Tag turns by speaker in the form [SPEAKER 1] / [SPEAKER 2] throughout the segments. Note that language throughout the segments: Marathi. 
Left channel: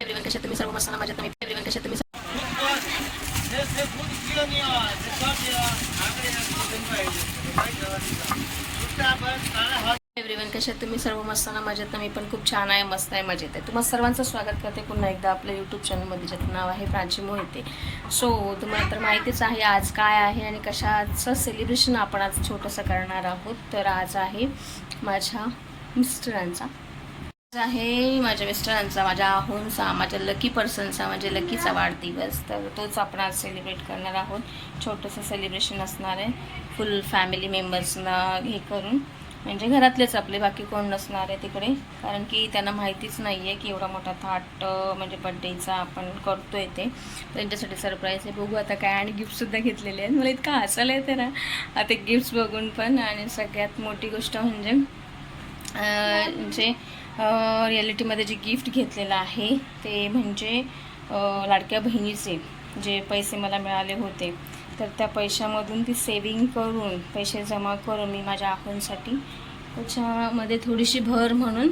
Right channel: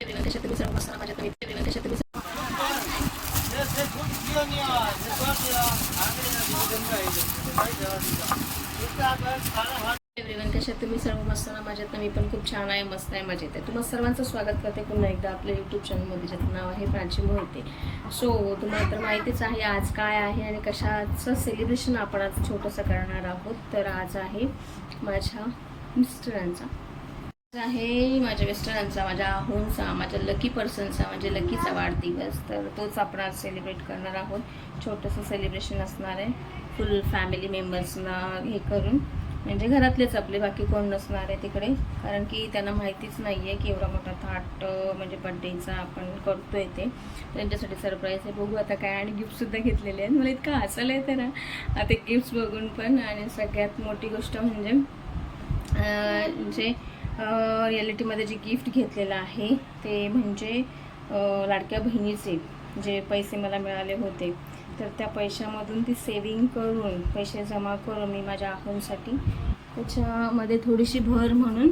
[SPEAKER 1] एव्हरीवन कशा तुम्ही सर्व मस्त ना माझ्या तुम्ही एव्हरीवन कशा तुम्ही सर्व मस्त ना? मजेत ना? मी पण खूप छान आहे मस्त आहे मजेत आहे. तुम्हाला सर्वांचं स्वागत करते पुन्हा एकदा आपल्या यूट्यूब चॅनलमध्ये ज्याचं नाव आहे प्राची मोहिते सो तुम्हाला तर माहितीच आहे आज काय आहे आणि कशाचं सेलिब्रेशन आपण आज छोटंसं करणार आहोत. तर आज आहे माझ्या मिस्टरांचा. आज आहे माझ्या मिस्टरांचा माझ्या आहोंचा माझ्या लकी पर्सनचा म्हणजे लकीचा वाढदिवस. तर तोच आपण आज सेलिब्रेट करणार आहोत. छोटंसं सेलिब्रेशन असणार आहे. फुल फॅमिली मेंबर्सना हे करून. म्हणजे घरातलेच आपले बाकी कोण नसणार आहे तिकडे. कारण की त्यांना माहितीच नाही आहे की एवढा मोठा थाट म्हणजे बड्डेचा आपण करतो आहे ते. त्यांच्यासाठी सरप्राईज आहे. बघू आता काय आणि गिफ्टसुद्धा घेतलेले आहेत. मला इतकं हसायला आहे ना. आता गिफ्ट्स बघून पण. आणि सगळ्यात मोठी गोष्ट म्हणजे जे रिॲलिटीमध्ये जे गिफ्ट घेतलेलं आहे ते म्हणजे लाडक्या बहिणीचे जे पैसे मला मिळाले होते. तर त्या पैशामधून ती सेविंग करून पैसे जमा करून मी माझ्या आहोंसाठी त्याच्यामध्ये थोडीशी भर म्हणून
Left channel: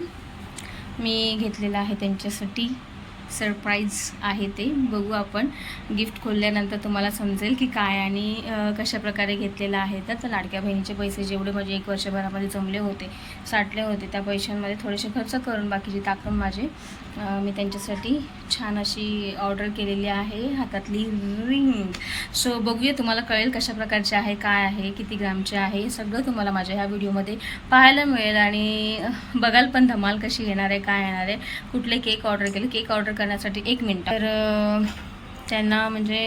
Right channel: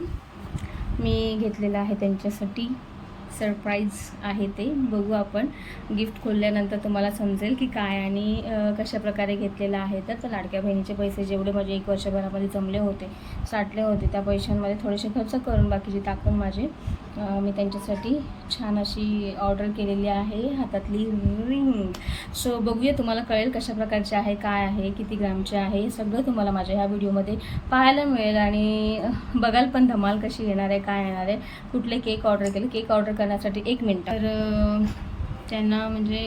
[SPEAKER 1] मी घेतलेलं आहे त्यांच्यासाठी. सरप्राईज आहे ते. बघू आपण. गिफ्ट खोलल्यानंतर तुम्हाला समजेल की काय आणि कशाप्रकारे कशा प्रकारे घेतलेलं आहे. तर लाडक्या बहिणीचे पैसे जेवढे माझे एक वर्षभरामध्ये जमले होते साठले होते त्या पैशांमध्ये थोडेसे खर्च करून बाकीची टाकून माझे मी त्यांच्यासाठी छान अशी ऑर्डर केलेली आहे. हातातली रिंग. सो बघूया तुम्हाला कळेल कशा प्रकारचे आहे काय आहे किती ग्रामचे आहे हे सगळं तुम्हाला माझ्या ह्या व्हिडिओमध्ये पाहायला मिळेल. आणि बघाल पण धमाल कशी येणार आहे काय येणार आहे. कुठले केक ऑर्डर केले केक ऑर्डर करण्यासाठी एक मिनटं. तर त्यांना म्हणजे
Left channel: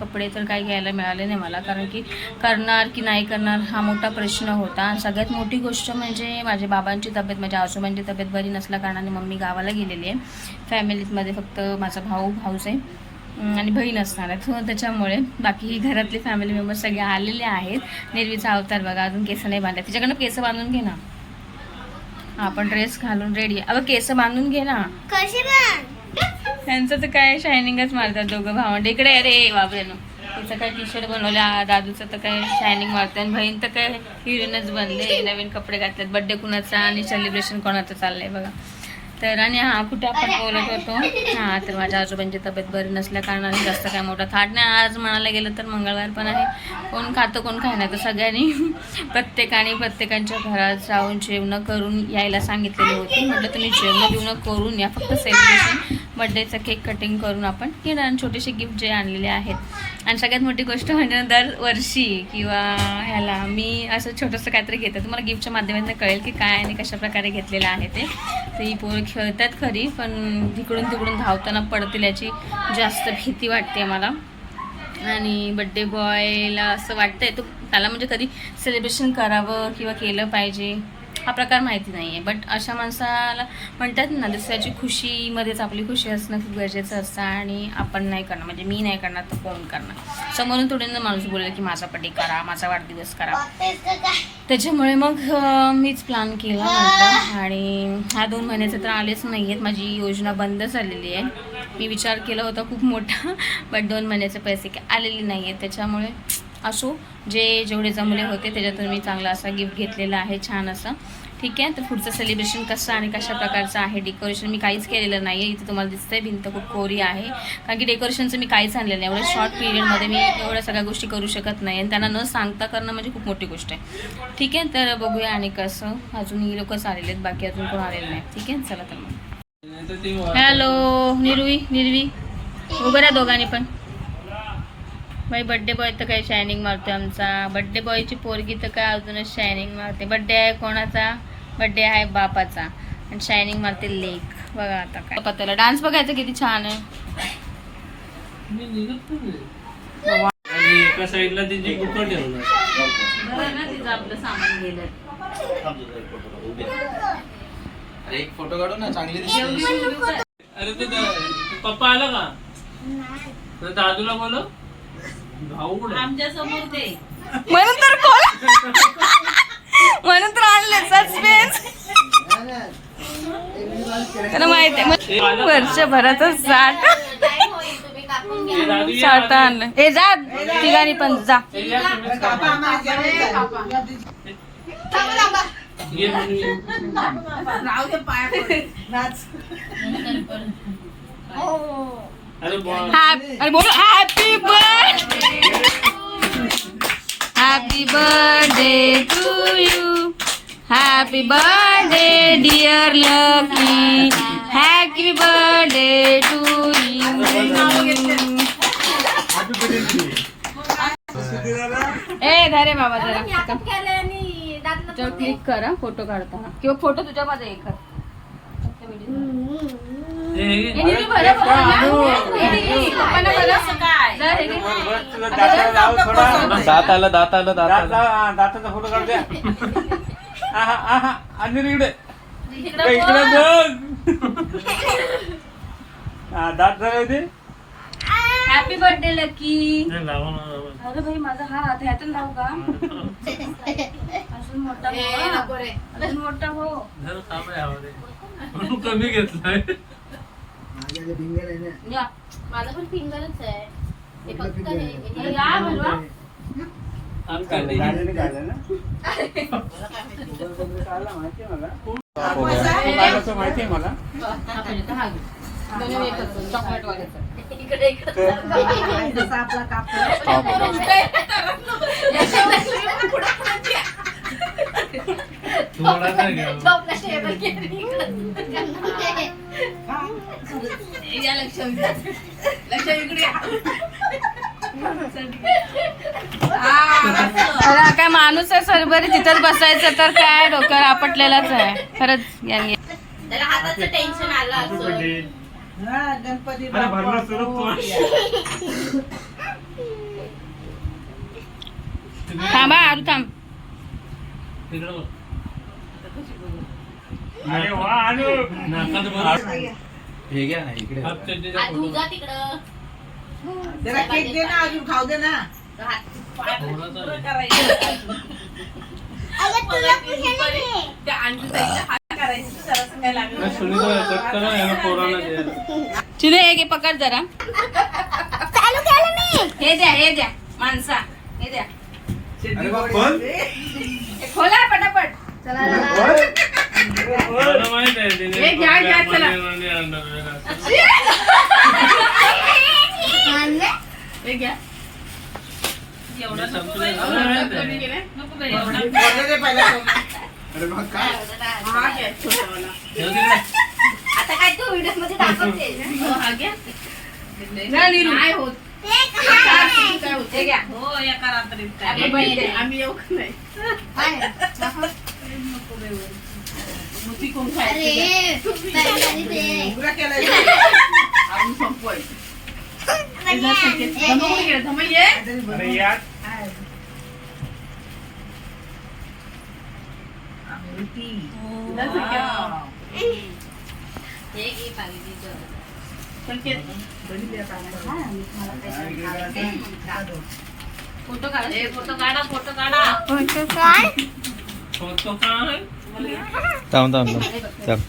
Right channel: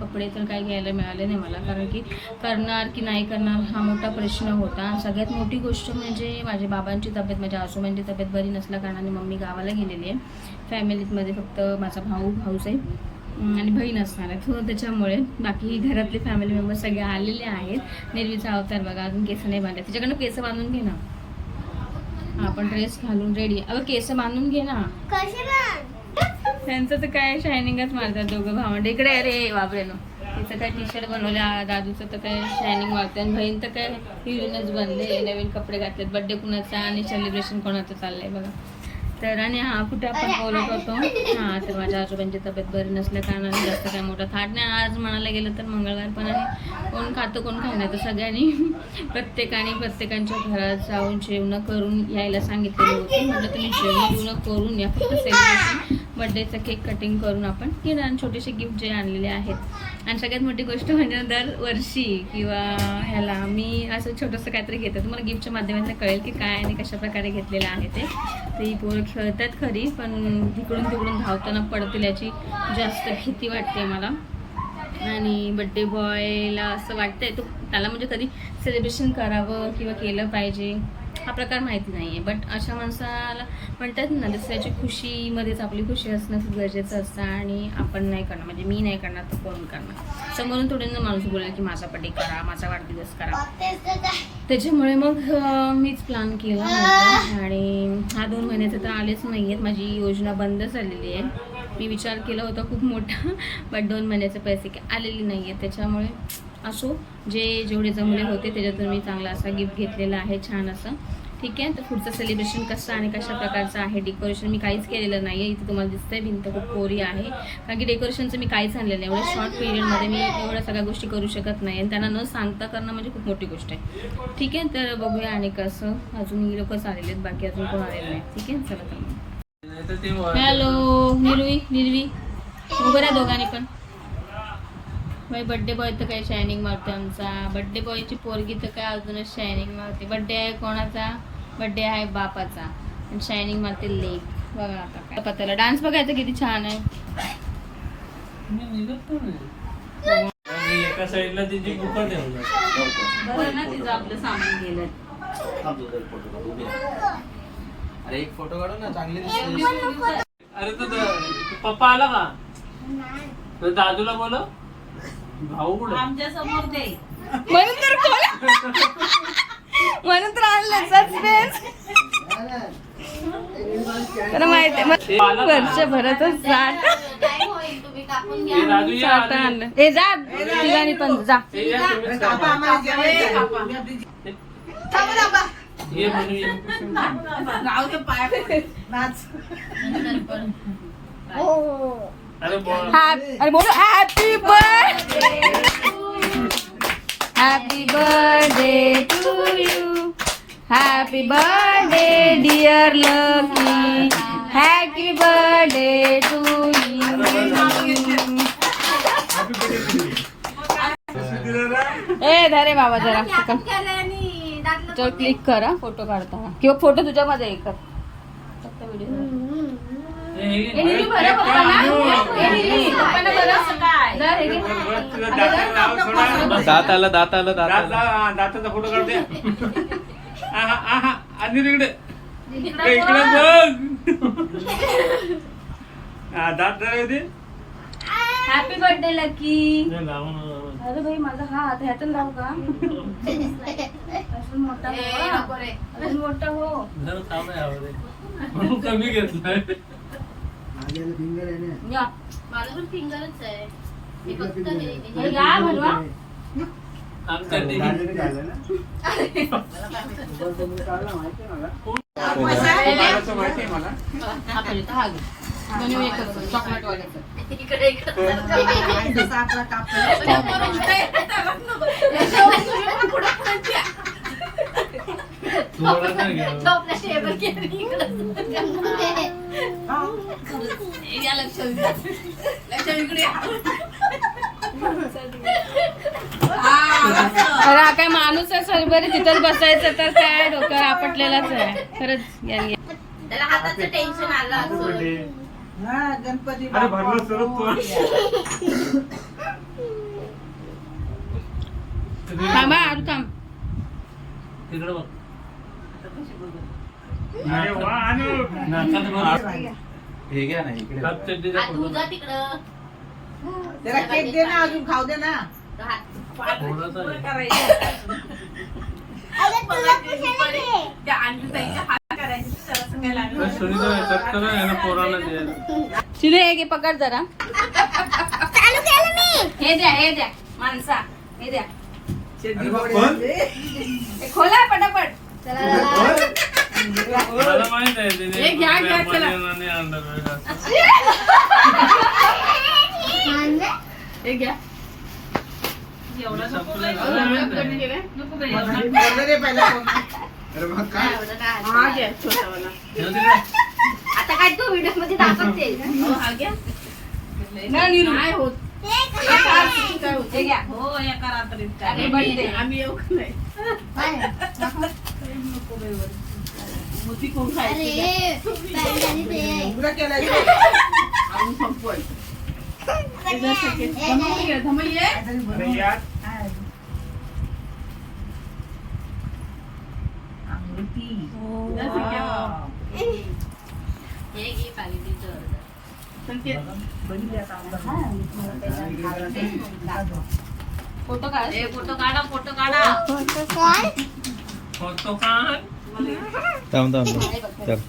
[SPEAKER 1] कपडे तर काही घ्यायला मिळाले नाही मला. कारण की करणार की नाही करणार हा मोठा प्रश्न होता. आणि सगळ्यात मोठी गोष्ट म्हणजे माझ्या बाबांची तब्येत माझ्या आजोबांची तब्येत बरी नसल्या कारणाने मम्मी गावाला गेलेली आहे. फॅमिलीमध्ये फक्त माझा भाऊ भाऊच आहे. आणि बहीण असणार आहे. सो त्याच्यामुळे बाकी घरातले फॅमिली मेंबर्स सगळे आलेले आहेत. निर्वीचा अवतार बघा. अजून केस नाही बांधले. तिच्याकडनं केस बांधून घे ना. आपण ड्रेस घालून रेडी अगं केस बांधून घे ना.
[SPEAKER 2] कशी
[SPEAKER 1] त्यांचं तर काय शायनिंगच मारतात दोघं भावंड. इकडे अरे बाबरेनो तिचं काय टी शर्ट बनवल्या दादूचं तर काय शायनिंग मारते आणि बहीण तर काय हिरोईनच बनले नवीन कपडे घातलेत. बड्डे कुणाचा आणि सेलिब्रेशन कोणाचं चाललंय बघा. तर आणि हा कुठे आपण बोलत होतो? हां तर माझ्या आजोबांची तब्येत बरी नसल्या कारणाने जास्त काय मोठा थाट नाही. आज म्हणायला गेलं तर मंगळवार पण आहे. कोण खातं कोण खाय नाही. तर सगळ्यांनी प्रत्येकाने प्रत्येकांच्या घरात जाऊन जेवणं करून यायला सांगितलेली होती. म्हटलं तुम्ही जेवणं बिवणं करून या. फक्त सेलिब्रेशन बड्डेचं केक कटिंग करून आपण घेणार आणि छोटेसे गिफ्ट जे आणलेले आहेत. आणि सगळ्यात मोठी गोष्ट म्हणजे दरवर्षी किंवा ह्याला मी असं छोटंसं काहीतरी घेते. तुम्हाला गिफ्टच्या माध्यमातून कळेल की काय आणि कशा प्रकारे घेतलेलं आहे ते. तर ही पोरं खेळतात खरी पण तिकडून तिकडून धावताना पडतील याची जास्त भीती वाटते मला. आणि बड्डे बॉयला असं वाटतंय तो त्याला म्हणजे कधी सेलिब्रेशन करावं किंवा केलं पाहिजे. हा प्रकार माहिती नाही आहे बट अशा माणसाला म्हणतात ना दुसऱ्याची खुशीमध्येच आपली खुशी असणं खूप गरजेचं असतं आणि आपण नाही करणार. म्हणजे मी नाही करणार तर कोण करणार? समोरून थोडे ना माणूस बोलेल की माझा बड्डे करा माझा वाढदिवस करा. त्याच्यामुळे मग मीच प्लॅन केला म्हटलं आणि ह्या दोन महिन्याचे तर आलेच नाही आहेत माझी योजना बंद झालेली आहे. मी विचार केला होता खूप मोठा बट दोन महिन्याचे पैसे आलेले नाही आहेत त्याच्यामुळे असो जे जेवढे जमले होते त्याच्यातून मी चांगला असा गिफ्ट घेतलेला आहे छान असं. ठीक आहे? तर पुढचं सेलिब्रेशन कसं आणि कशा प्रकारचं आहे डेकोरेशन मी काहीच केलेलं नाही आहे इथे तुम्हाला दिसतंय भिंत खूप कोरी आहे. कारण की डेकोरेशनचं मी काहीच आणलेलं नाही. एवढ्या शॉर्ट पिरियडमध्ये मी एवढ्या सगळ्या गोष्टी करू शकत नाही. आणि त्यांना न सांगता करणं म्हणजे खूप मोठी गोष्ट आहे. ठीक आहे? तर बघूया आणि कसं. अजून ही लोकच आलेले आहेत. बाकी अजून कोण आलेलं नाही. ठीक आहे? चला तर मग. हॅलो निर्वी निर्वी. उभं राहा दोघांनी पण. बाई बड्डे बॉय तर काही शायनिंग मारतोय आमचा. बड्डे बॉयची पोरगी तर काय अजूनच शायनिंग मारते. बड्डे आहे कोणाचा? बड्डे आहे बापाचा. आणि शायनिंग मारते लेक बघा आता काय. पत्याला डान्स बघायचा किती छान आहे.
[SPEAKER 3] एका साईडला तिची बुका ठेवलं
[SPEAKER 1] बरं ना तिचं आपलं सामान गेलं.
[SPEAKER 4] अरे एक फोटो काढू ना चांगली दिसते.
[SPEAKER 3] अरे तो पप्पा आला का? तर दादूला बोल भाऊ कुठे
[SPEAKER 1] आमच्यासमोर ते म्हणून तर कोण म्हणून तर आणलं सस्पेन्स त्याला माहिती आहे मग वर्षभराचं साठ
[SPEAKER 3] हे
[SPEAKER 1] साठ आणलं जा तिघांनी पण जा.
[SPEAKER 3] हे या तुम्ही ये म्हणून ये. अरे बोल.
[SPEAKER 1] अरे बोलो. Happy birthday happy birthday to you happy birthday dear Lucky happy birthday to you ए धरे बाबा जरा तो क्लिक कर फोटो काढताना किंवा फोटो तुझ्यामध्ये कर.
[SPEAKER 2] दात आलं दात आलं दात
[SPEAKER 3] दात
[SPEAKER 2] आलं
[SPEAKER 3] दाताचा फोटो काढ द्या आहा, आहा, आणि इकडे. इकडे बघ. हा, दात जरा होते
[SPEAKER 1] हॅपी बर्थडे लकी. अरे भाई माझा हात ह्यातून लावू का? अजून मोठा हो अजून मोठा हो
[SPEAKER 3] जरा थांब यावर आहे.
[SPEAKER 1] या.
[SPEAKER 5] माझं पण फिंगरच आहे हे फक्त हे- हे-
[SPEAKER 1] या भरवा.
[SPEAKER 3] आमच्या ते-
[SPEAKER 2] हो गया.
[SPEAKER 5] इकडे इकडे
[SPEAKER 3] नाही
[SPEAKER 5] टेबल इकडे.
[SPEAKER 1] अरे हा काय माणूस आहे सरबरी तिथंच बसायचं तर काय डोक्यावर आपटलेलाच आहे खरंच यांनी
[SPEAKER 5] त्याला हाताचं टेन्शन आलं असं
[SPEAKER 3] अरे भरलं स्वरूप कोण? तिकडे-
[SPEAKER 1] थांबा आरू थांब
[SPEAKER 3] तिकडे बघ. नाकात बघ.
[SPEAKER 4] हे घ्या ना इकडे.
[SPEAKER 3] हात चड्डीचा
[SPEAKER 5] आ,
[SPEAKER 3] फोटो
[SPEAKER 5] तू जा
[SPEAKER 3] काढ.
[SPEAKER 5] तिकडं.
[SPEAKER 6] जरा केक दे ना अजून खाऊ दे ना.
[SPEAKER 5] हात-
[SPEAKER 3] थोडासा आहे. अरे सुनीता, चक्कर आहे ना पोराला दे.
[SPEAKER 1] चिने हे घे पकड जरा. हे द्या हे द्या माणसा. हे द्या.
[SPEAKER 4] अरे वा, कोण?
[SPEAKER 1] हे खोला पटापट.
[SPEAKER 3] मला माहीत आहे तिने
[SPEAKER 1] हे घ्या, घ्या, चला.
[SPEAKER 3] आणलं असं.
[SPEAKER 1] हे घ्या. नको?
[SPEAKER 4] अरे मग काय
[SPEAKER 6] हा घे, छोटावाला.
[SPEAKER 3] ठेव तिकडे.
[SPEAKER 5] आता काय तू व्हिडिओमध्ये दाखवते
[SPEAKER 1] नाही, निरू.
[SPEAKER 6] नाही होत.
[SPEAKER 1] हे घ्या
[SPEAKER 6] हो एका रात्रीत काय. आम्ही येऊ का नाही मोती कोण खायची
[SPEAKER 5] अरे पहिल्यांदा ते.
[SPEAKER 6] उघडा केलाय रे. आपण संपवायचं. हे जर शक्य- धमक घे, धमक घे.
[SPEAKER 3] अरे यार.
[SPEAKER 6] अमृती. जर शक्य-
[SPEAKER 5] हे घे पाहिजे
[SPEAKER 6] शक्य- बरी द्या आता.
[SPEAKER 1] फोटो काढ
[SPEAKER 5] ए, फोटो काढा फोटो काढा
[SPEAKER 3] फोटो काढ.
[SPEAKER 2] थांब थांब थांब. चल.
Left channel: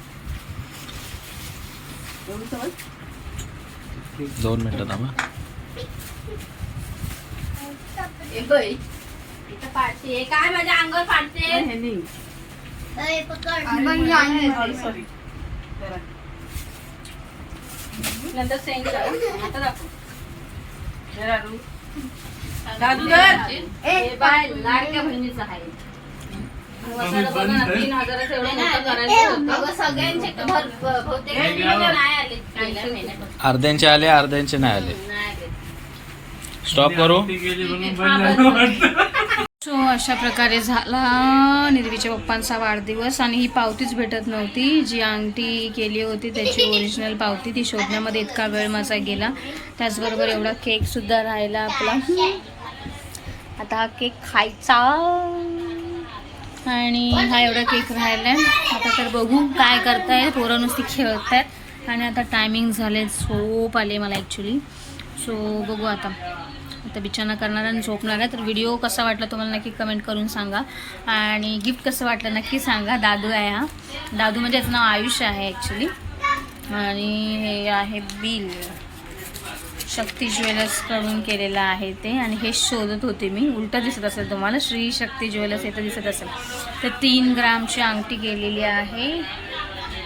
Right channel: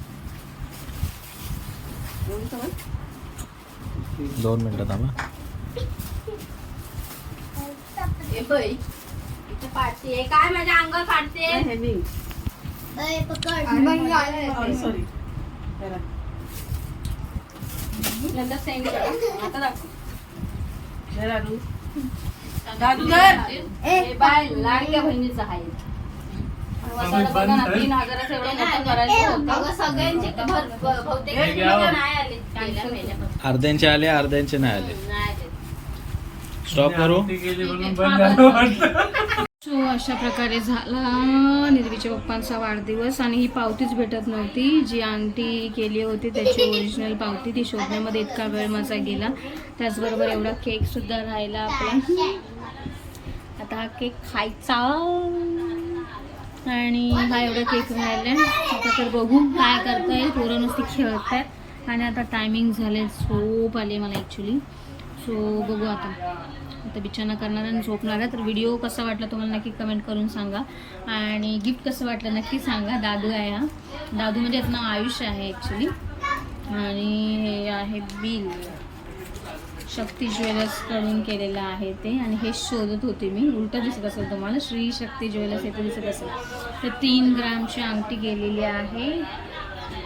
[SPEAKER 2] दोन मिनिटं थांबा
[SPEAKER 5] काय माझ्या अंगावर पाडते.
[SPEAKER 1] नंतर सेंड करा. आता दाखव.
[SPEAKER 6] जरा रू.
[SPEAKER 5] दादू
[SPEAKER 1] बाय लाडक्या बहिणीचं आहे. मसाला बघा ना, तीन हजाराचं एवढं मोठं करायचं होतं?
[SPEAKER 5] अगं सगळ्यांचे क- भर- ब- बहुतेक
[SPEAKER 3] घ्या.
[SPEAKER 5] नाही आले पहिल्या महिन्यात.
[SPEAKER 2] अर्ध्यांचे आले अर्ध्यांचे नाही आले.
[SPEAKER 5] नाही आले.
[SPEAKER 2] स्टॉप करू.
[SPEAKER 3] ती गेली म्हणून बंद झालं वाटतं.
[SPEAKER 1] सो अशा प्रकारे झाला निर्वीच्या पप्पांचा वाढदिवस आणि ही पावतीच भेटत नव्हती. जी अंगठी केली होती त्याची ओरिजिनल पावती ती शोधण्यामध्ये इतका वेळ माझा गेला. त्याचबरोबर एवढा केक सुद्धा राहिला आपला. आता हा केक खायचा. आणि हा एवढा केक राहिलाय. आता तर बघू काय करताय. पोरं नुसती आहेत आणि आता टायमिंग झाले झोप आले मला ॲक्च्युली सो बघू आता. आता बिचारणा करणार आणि झोपणार आहे. तर व्हिडिओ कसा वाटला तुम्हाला नक्की कमेंट करून सांगा. आणि गिफ्ट कसं वाटलं नक्की सांगा. दादू आहे हा. दादू म्हणजे याचं नाव आयुष्य आहे ॲक्च्युली आणि हे आहे बिल. शक्ती ज्वेलर्सकडून केलेलं आहे ते आणि हे शोधत होते मी. उलटं दिसत असेल तुम्हाला श्री शक्ती ज्वेलर्स इथं दिसत असेल. तर तीन ग्रामची अंगठी केलेली आहे.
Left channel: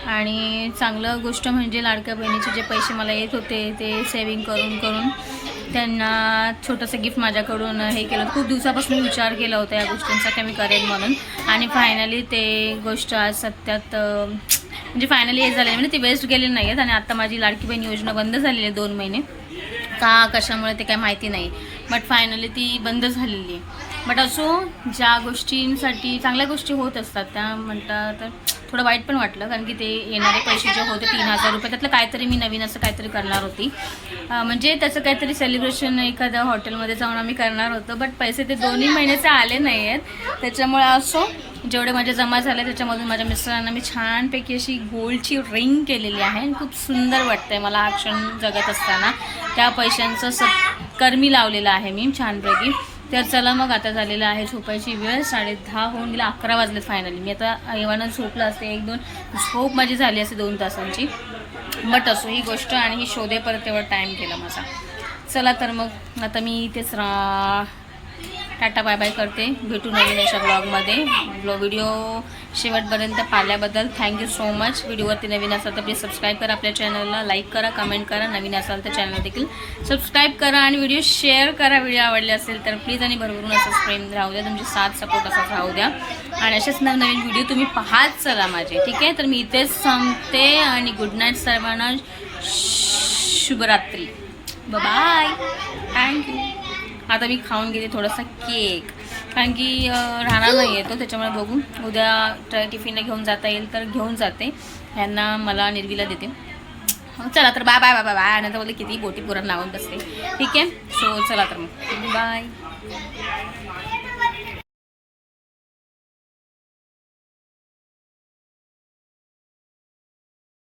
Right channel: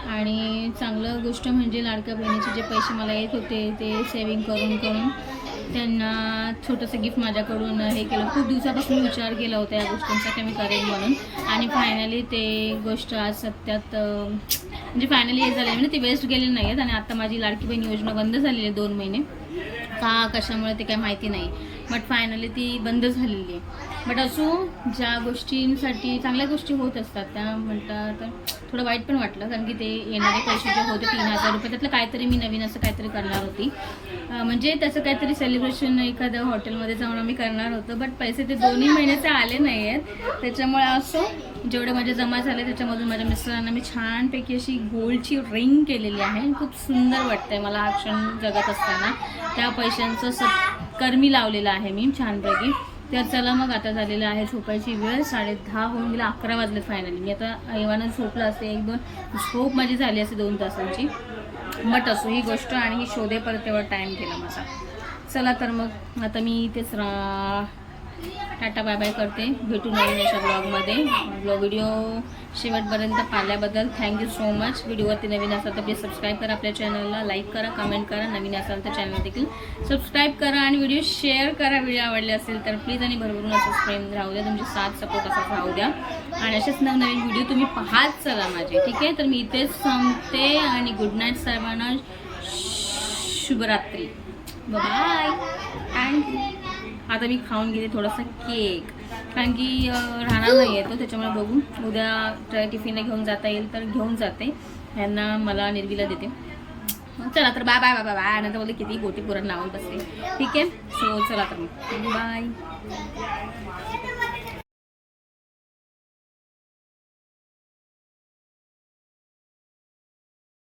[SPEAKER 1] आणि चांगलं गोष्ट म्हणजे लाडक्या बहिणीचे जे पैसे मला येत होते ते सेविंग करून करून त्यांना छोटंसं गिफ्ट माझ्याकडून हे केलं. खूप दिवसापासून विचार केला होता या गोष्टींचा की मी करेन म्हणून. आणि फायनली ते गोष्ट आज सत्यात म्हणजे फायनली हे झाले म्हणजे ती वेस्ट गेलेली नाही आहेत आणि आता माझी लाडकी बहीण योजना बंद झालेली आहे दोन महिने. का कशामुळे ते काय माहिती नाही. बट फायनली ती बंद झालेली आहे. बट असो ज्या गोष्टींसाठी चांगल्या गोष्टी होत असतात त्या म्हणतात तर थोडं वाईट पण वाटलं. कारण की ते येणारे पैसे जे होते तीन हजार रुपये त्यातलं काहीतरी मी नवीन असं काहीतरी करणार होती. म्हणजे त्याचं काहीतरी सेलिब्रेशन एखाद्या हॉटेलमध्ये जाऊन आम्ही करणार होतो. बट पैसे ते दोन्ही महिन्याचे आले नाही आहेत त्याच्यामुळे असो जेवढे माझे जमा झाले त्याच्यामधून माझ्या मिस्टरांना मी छानपैकी अशी गोल्डची रिंग केलेली आहे. आणि खूप सुंदर वाटतंय मला हा क्षण जगत असताना. त्या पैशांचं सत्कर्मी लावलेलं आहे मी छानपैकी. तर चला मग आता झालेलं आहे झोपायची वेळ. साडे दहा होऊन गेला अकरा वाजले फायनली मी आता एव्हाना झोपलं असते. एक दोन झोप माझी झाली असते दोन तासांची. बट असो ही गोष्ट आणि ही शोधेपर्यंत तेवढा टाईम गेला माझा. चला तर मग आता मी इथेच रा टाटा बाय बाय करते. भेटू नवीन अशा ब्लॉगमध्ये ब्लॉग व्हिडिओ शेवटपर्यंत पाहिल्याबद्दल थँक्यू सो मच व्हिडिओवरती नवीन असाल तर प्लीज सबस्क्राईब करा आपल्या चॅनलला लाईक करा कमेंट करा. नवीन असाल तर चॅनल देखील सबस्क्राईब करा आणि व्हिडिओ शेअर करा. व्हिडिओ आवडले असेल तर प्लीज आणि भरभरून असंच प्रेम राहू द्या. तुमची साथ सपोर्ट असाच राहू द्या. आणि असेच नवनवीन व्हिडिओ तुम्ही पाहात चला माझे. ठीक आहे? तर मी इथेच सांगते आणि गुड नाईट सर्वांना. शुभरात्री. बाय थँक्यू आता मी खाऊन घेते थोडासा केक. कारण की राहणार नाही येतो त्याच्यामुळे बघू. उद्या ट्राय टिफिनला घेऊन जाता येईल तर घेऊन जाते. ह्यांना मला निर्वीला देते. चला तर bye bye bye bye bye नंतर बोलले किती बोटी पुरण लावून बसते. ठीक आहे? सो चला तर मग. बाय